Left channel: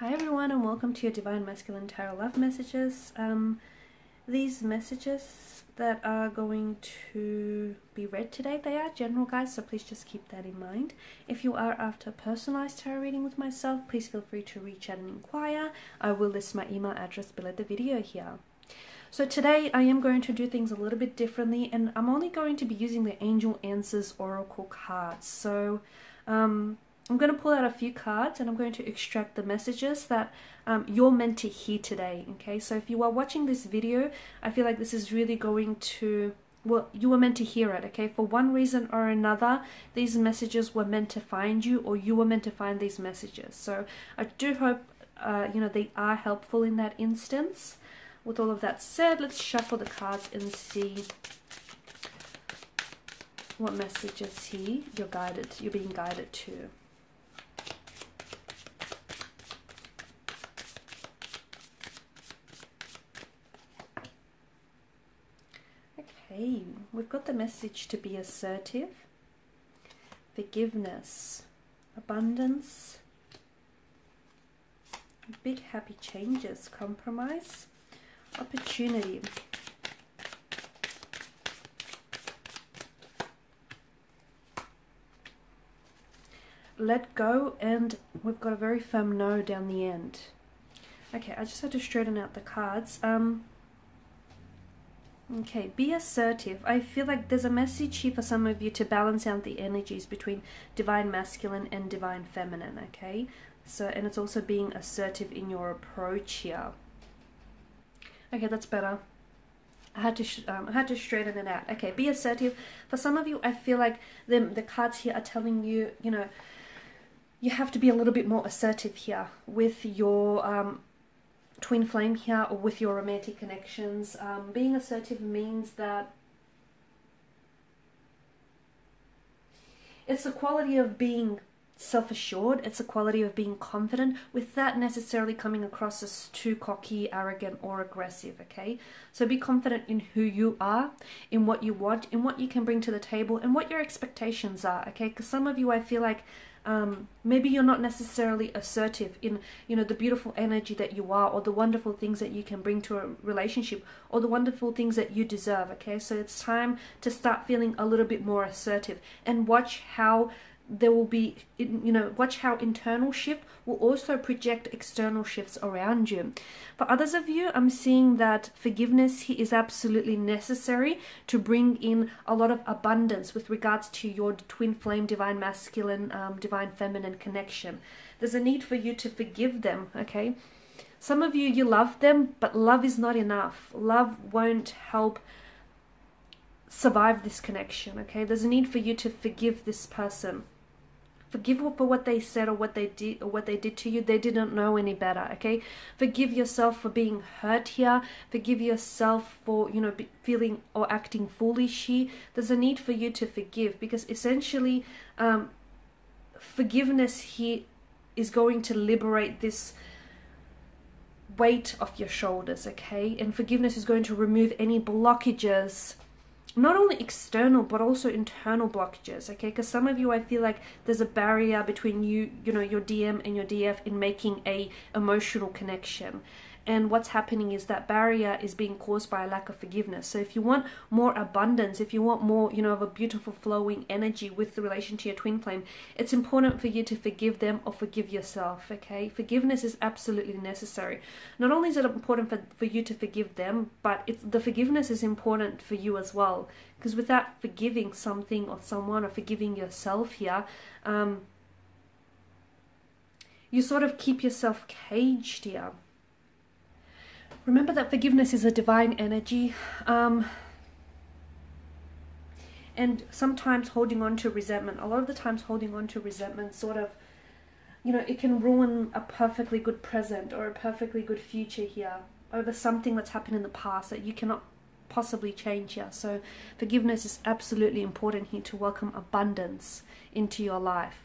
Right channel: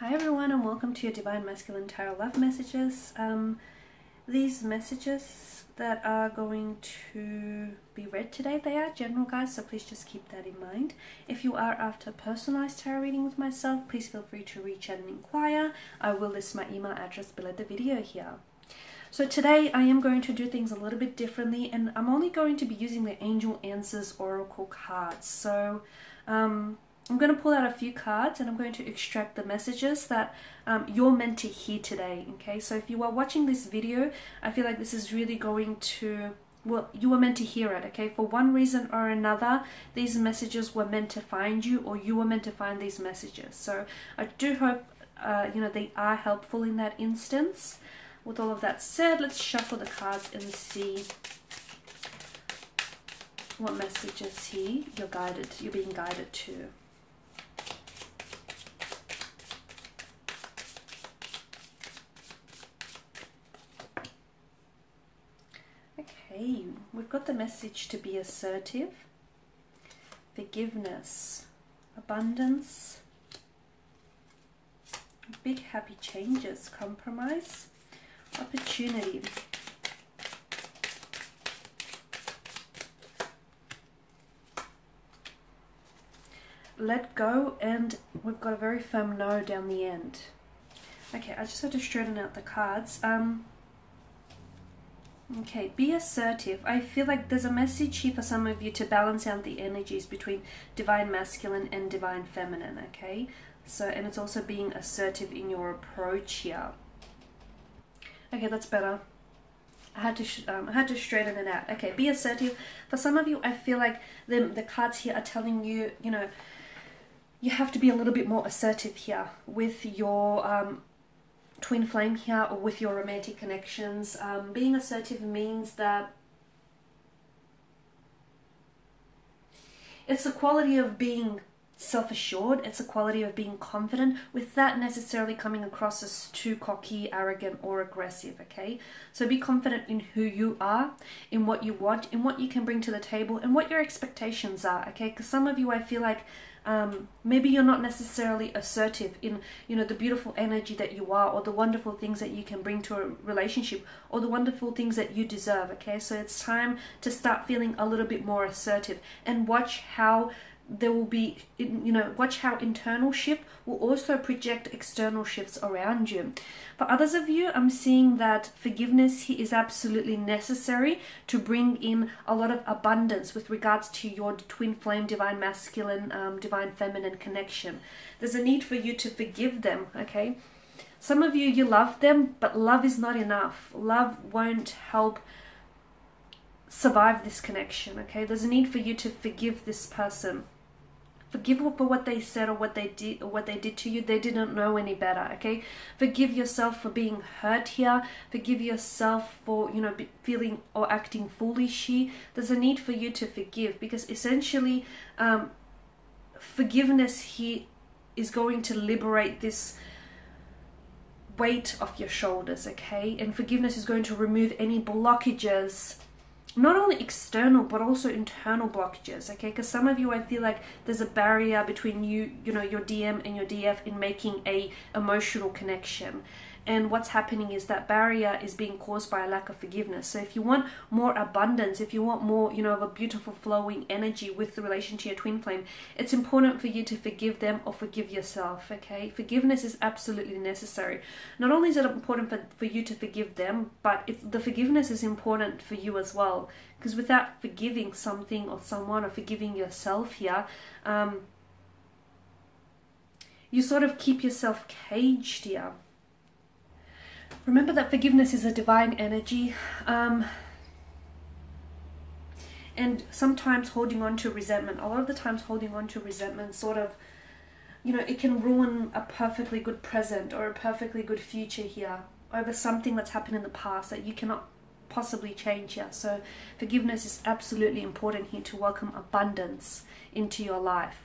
Hi everyone, and welcome to your Divine Masculine Tarot Love Messages. These messages that are going to be read today, they are general, guys, so please just keep that in mind. If you are after a personalized tarot reading with myself, please feel free to reach out and inquire. I will list my email address below the video here. So today I am going to do things a little bit differently, and I'm only going to be using the Angel Answers Oracle cards. So I'm going to pull out a few cards and I'm going to extract the messages that you're meant to hear today, okay? So if you are watching this video, I feel like this is really going to, well, you were meant to hear it, okay? For one reason or another, these messages were meant to find you, or you were meant to find these messages. So I do hope, they are helpful in that instance. With all of that said, let's shuffle the cards and see what messages here you're being guided to. Okay, we've got the message to be assertive, forgiveness, abundance, big happy changes, compromise, opportunity. Let go, and we've got a very firm no down the end. Okay, I just had to straighten out the cards. Okay, be assertive. I feel like there's a message here for some of you to balance out the energies between divine masculine and divine feminine, okay? So, and it's also being assertive in your approach here. Okay, that's better. I had to straighten it out. Okay, be assertive. For some of you, I feel like the cards here are telling you, you know, you have to be a little bit more assertive here with your twin flame here, or with your romantic connections. Being assertive means that it's a quality of being self-assured, it's a quality of being confident, without necessarily coming across as too cocky, arrogant, or aggressive, okay? So be confident in who you are, in what you want, in what you can bring to the table, and what your expectations are, okay? Because some of you, I feel like, maybe you're not necessarily assertive in, you know, the beautiful energy that you are, or the wonderful things that you can bring to a relationship, or the wonderful things that you deserve, okay? So it's time to start feeling a little bit more assertive, and watch how there will be, you know, watch how internal shift will also project external shifts around you. For others of you, I'm seeing that forgiveness here is absolutely necessary to bring in a lot of abundance with regards to your twin flame, divine masculine, divine feminine connection. There's a need for you to forgive them, okay? Some of you love them, but love is not enough. Love won't help survive this connection, okay? There's a need for you to forgive this person. Forgive for what they said, or what they did to you. They didn't know any better, okay? Forgive yourself for being hurt here. Forgive yourself for, you know, feeling or acting foolish here. There's a need for you to forgive, because essentially forgiveness here is going to liberate this weight off your shoulders, okay? And forgiveness is going to remove any blockages, not only external but also internal blockages, okay? Because some of you, I feel like there's a barrier between you know, your DM and your DF in making a emotional connection. And what's happening is that barrier is being caused by a lack of forgiveness. So if you want more abundance, if you want more, you know, of a beautiful flowing energy with the relation to your twin flame, it's important for you to forgive them or forgive yourself, okay? Forgiveness is absolutely necessary. Not only is it important for you to forgive them, but the forgiveness is important for you as well. Because without forgiving something or someone, or forgiving yourself here, you sort of keep yourself caged here. Remember that forgiveness is a divine energy, and sometimes holding on to resentment, a lot of the times holding on to resentment sort of, you know, it can ruin a perfectly good present or a perfectly good future here over something that's happened in the past that you cannot possibly change here. So forgiveness is absolutely important here to welcome abundance into your life.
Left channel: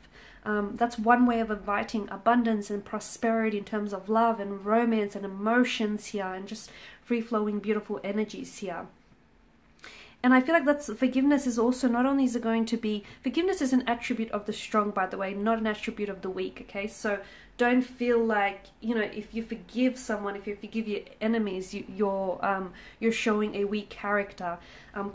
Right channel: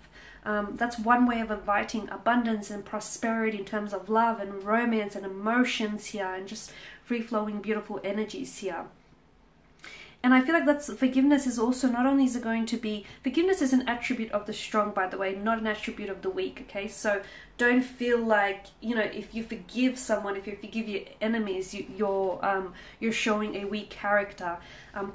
That's one way of inviting abundance and prosperity in terms of love and romance and emotions here, and just free-flowing beautiful energies here. And I feel like that's forgiveness is also not only is it going to be, forgiveness is an attribute of the strong, by the way, not an attribute of the weak, okay? So don't feel like, you know, if you forgive someone, if you forgive your enemies, you're showing a weak character.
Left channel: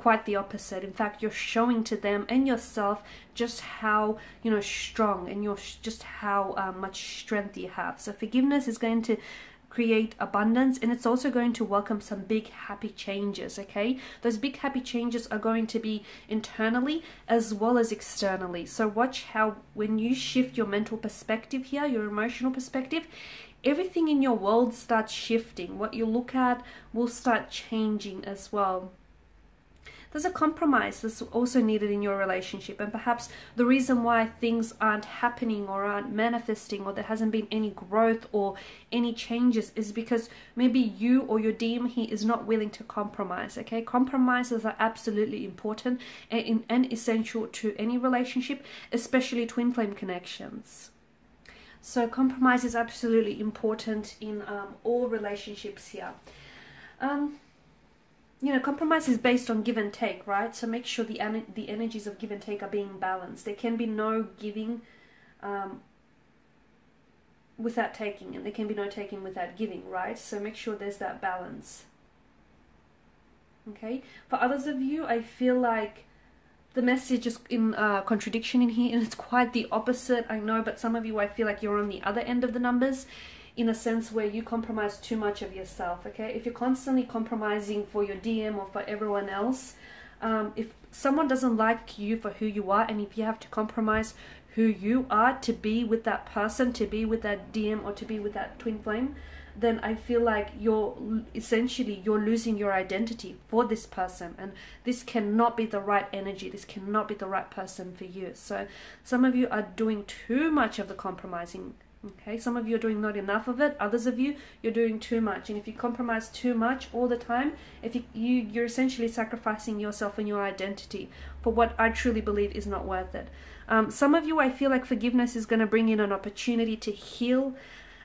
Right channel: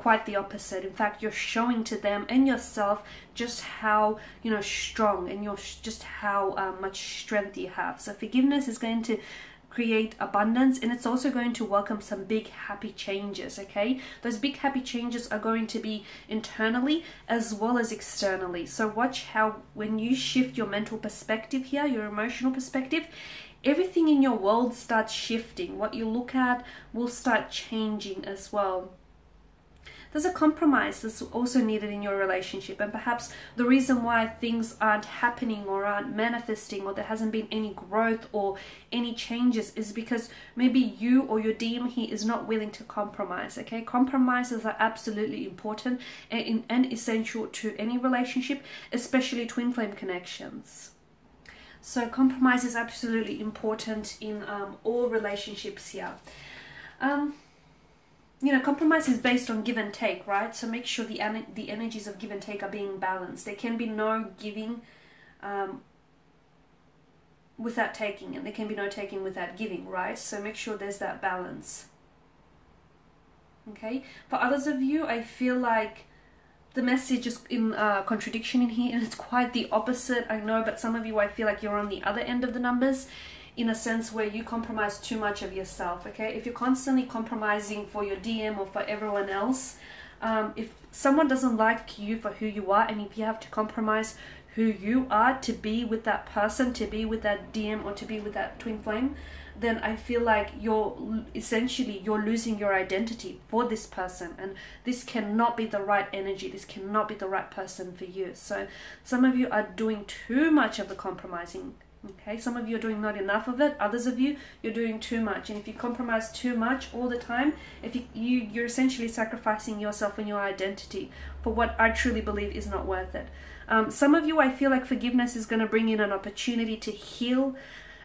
Quite the opposite. In fact, you're showing to them and yourself just how, you know, strong and just how much strength you have. So forgiveness is going to create abundance, and it's also going to welcome some big happy changes, okay? Those big happy changes are going to be internally as well as externally. So watch how when you shift your mental perspective here, your emotional perspective, everything in your world starts shifting. What you look at will start changing as well. There's a compromise that's also needed in your relationship, and perhaps the reason why things aren't happening or aren't manifesting, or there hasn't been any growth or any changes, is because maybe you or your DM here is not willing to compromise, okay? Compromises are absolutely important and essential to any relationship, especially twin flame connections. So compromise is absolutely important in all relationships here. You know, compromise is based on give and take, right? So make sure the energies of give and take are being balanced. There can be no giving without taking, and there can be no taking without giving, right? So make sure there's that balance. Okay? For others of you, I feel like the message is in contradiction in here, and it's quite the opposite, I know, but some of you, I feel like you're on the other end of the numbers, in a sense where you compromise too much of yourself, okay? If you're constantly compromising for your DM or for everyone else, if someone doesn't like you for who you are, and if you have to compromise who you are to be with that person, to be with that DM, or to be with that twin flame, then I feel like you're losing your identity for this person, and this cannot be the right energy. This cannot be the right person for you. So some of you are doing too much of the compromising. Okay, some of you are doing not enough of it. Others of you, you're doing too much. And if you compromise too much all the time, if you're essentially sacrificing yourself and your identity for what I truly believe is not worth it. Some of you, I feel like forgiveness is going to bring in an opportunity to heal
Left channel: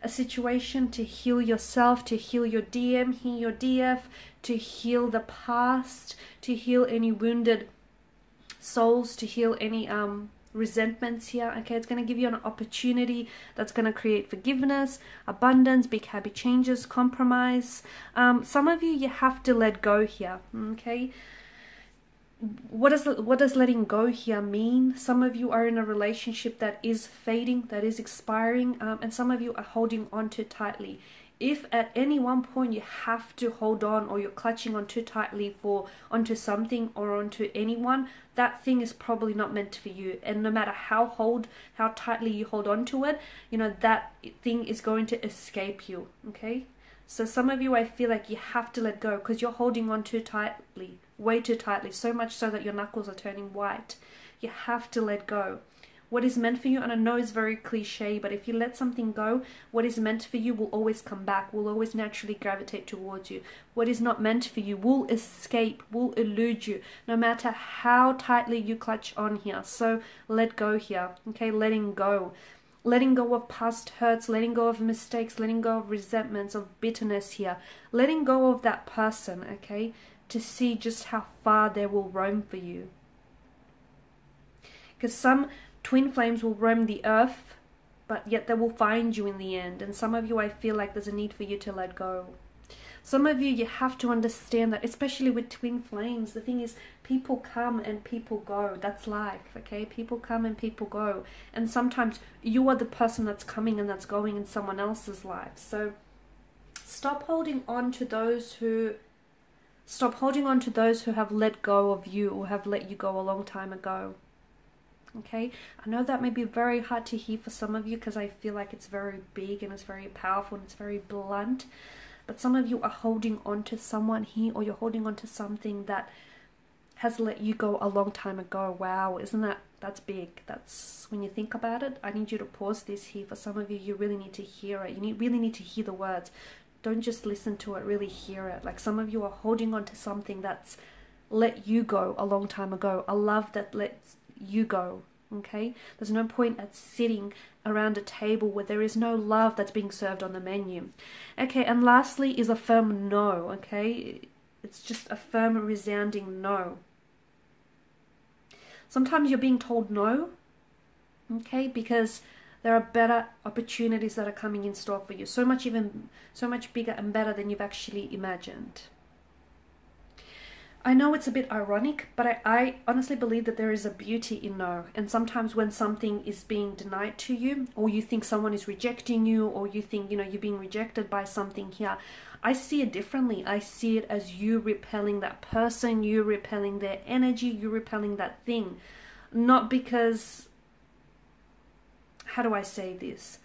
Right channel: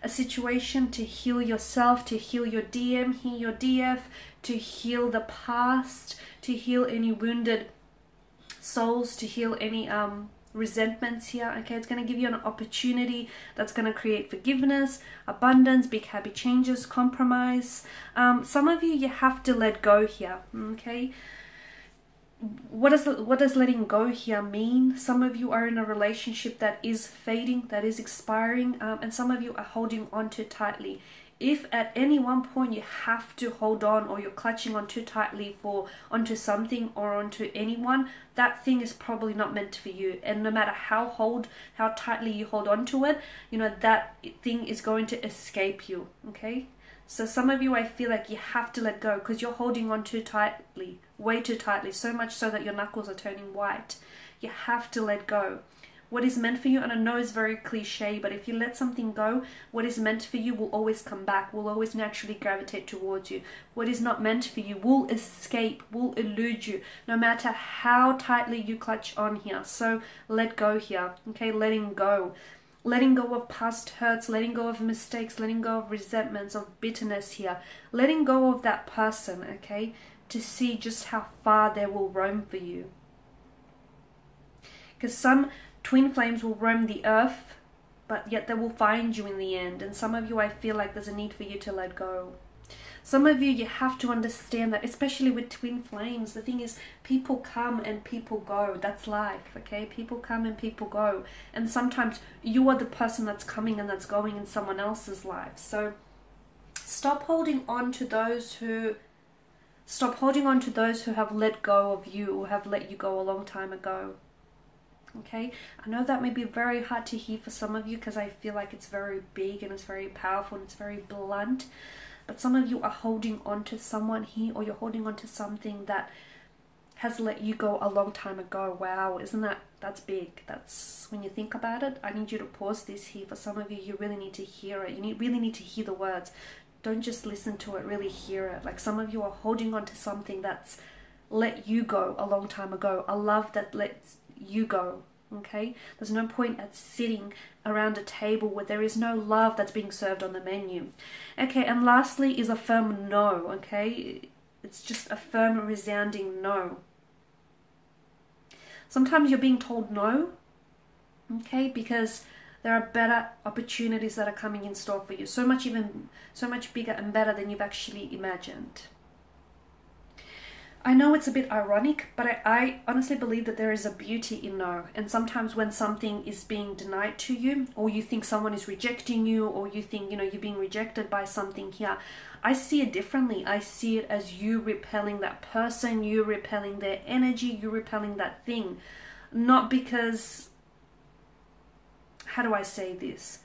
a situation, to heal yourself, to heal your DM, heal your DF, to heal the past, to heal any wounded souls, to heal any resentments here, okay? It's going to give you an opportunity that's going to create forgiveness, abundance, big happy changes, compromise. Some of you have to let go here, okay? What does letting go here mean? Some of you are in a relationship that is fading, that is expiring, and some of you are holding on too tightly. If at any one point you have to hold on, or you're clutching on too tightly onto something or onto anyone, that thing is probably not meant for you. And no matter how tightly you hold on to it, you know, that thing is going to escape you, okay? So some of you, I feel like you have to let go because you're holding on too tightly, way too tightly, so much so that your knuckles are turning white. You have to let go. What is meant for you, and I know it's very cliche, but if you let something go, what is meant for you will always come back, will always naturally gravitate towards you. What is not meant for you will escape, will elude you, no matter how tightly you clutch on here. So let go here, okay? Letting go. Letting go of past hurts, letting go of mistakes, letting go of resentments, of bitterness here. Letting go of that person, okay? To see just how far they will roam for you. Because some twin flames will roam the earth, but yet they will find you in the end. And some of you, I feel like there's a need for you to let go. Some of you, you have to understand that, especially with twin flames, the thing is, people come and people go. That's life, okay? People come and people go. And sometimes you are the person that's coming and that's going in someone else's life. So stop holding on to those who have let go of you, or have let you go a long time ago. Okay, I know that may be very hard to hear for some of you, because I feel like it's very big and it's very powerful and it's very blunt. But some of you are holding on to someone here, or you're holding on to something that has let you go a long time ago. Wow, that's big. That's, when you think about it, I need you to pause this here. For some of you, you really need to hear it. You really need to hear the words. Don't just listen to it, really hear it. Like, some of you are holding on to something that's let you go a long time ago. A love that lets you go, okay? There's no point at sitting around a table where there is no love that's being served on the menu. Okay, and lastly is a firm no, okay? It's just a firm, resounding no. Sometimes you're being told no, okay, because there are better opportunities that are coming in store for you. So much bigger and better than you've actually imagined. I know it's a bit ironic, but I honestly believe that there is a beauty in no. And sometimes when something is being denied to you, or you think someone is rejecting you, or you think, you know, you're being rejected by something here, I see it differently. I see it as you repelling that person, you repelling their energy, you repelling that thing. Not because, how do I say this?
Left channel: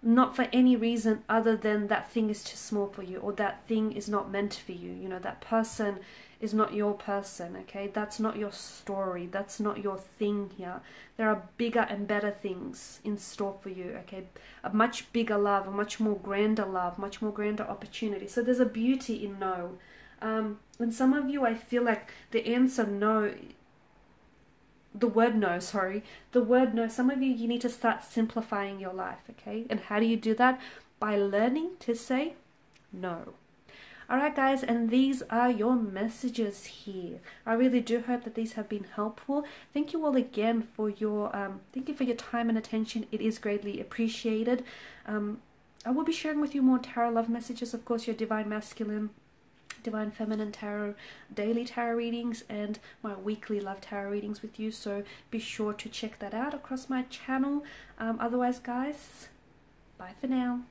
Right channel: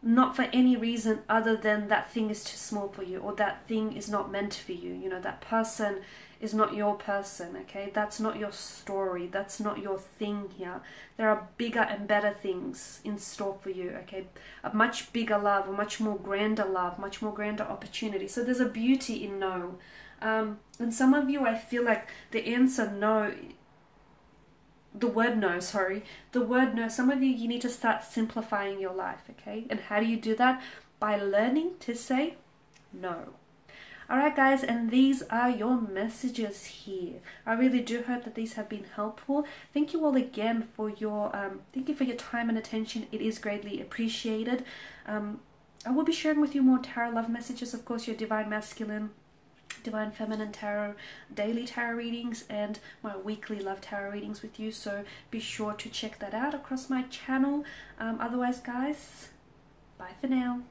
Not for any reason other than that thing is too small for you, or that thing is not meant for you. You know, that person is not your person, okay? That's not your story. That's not your thing here. There are bigger and better things in store for you, okay? A much bigger love, a much more grander love, much more grander opportunity. So there's a beauty in no. And some of you, I feel like the answer no, the word no, some of you need to start simplifying your life, okay? And how do you do that? By learning to say no. Alright guys, and these are your messages here. I really do hope that these have been helpful. Thank you all again for your time and attention. It is greatly appreciated. I will be sharing with you more tarot love messages, of course, your divine masculine, divine feminine tarot, daily tarot readings, and my weekly love tarot readings with you. So be sure to check that out across my channel. Otherwise guys, bye for now.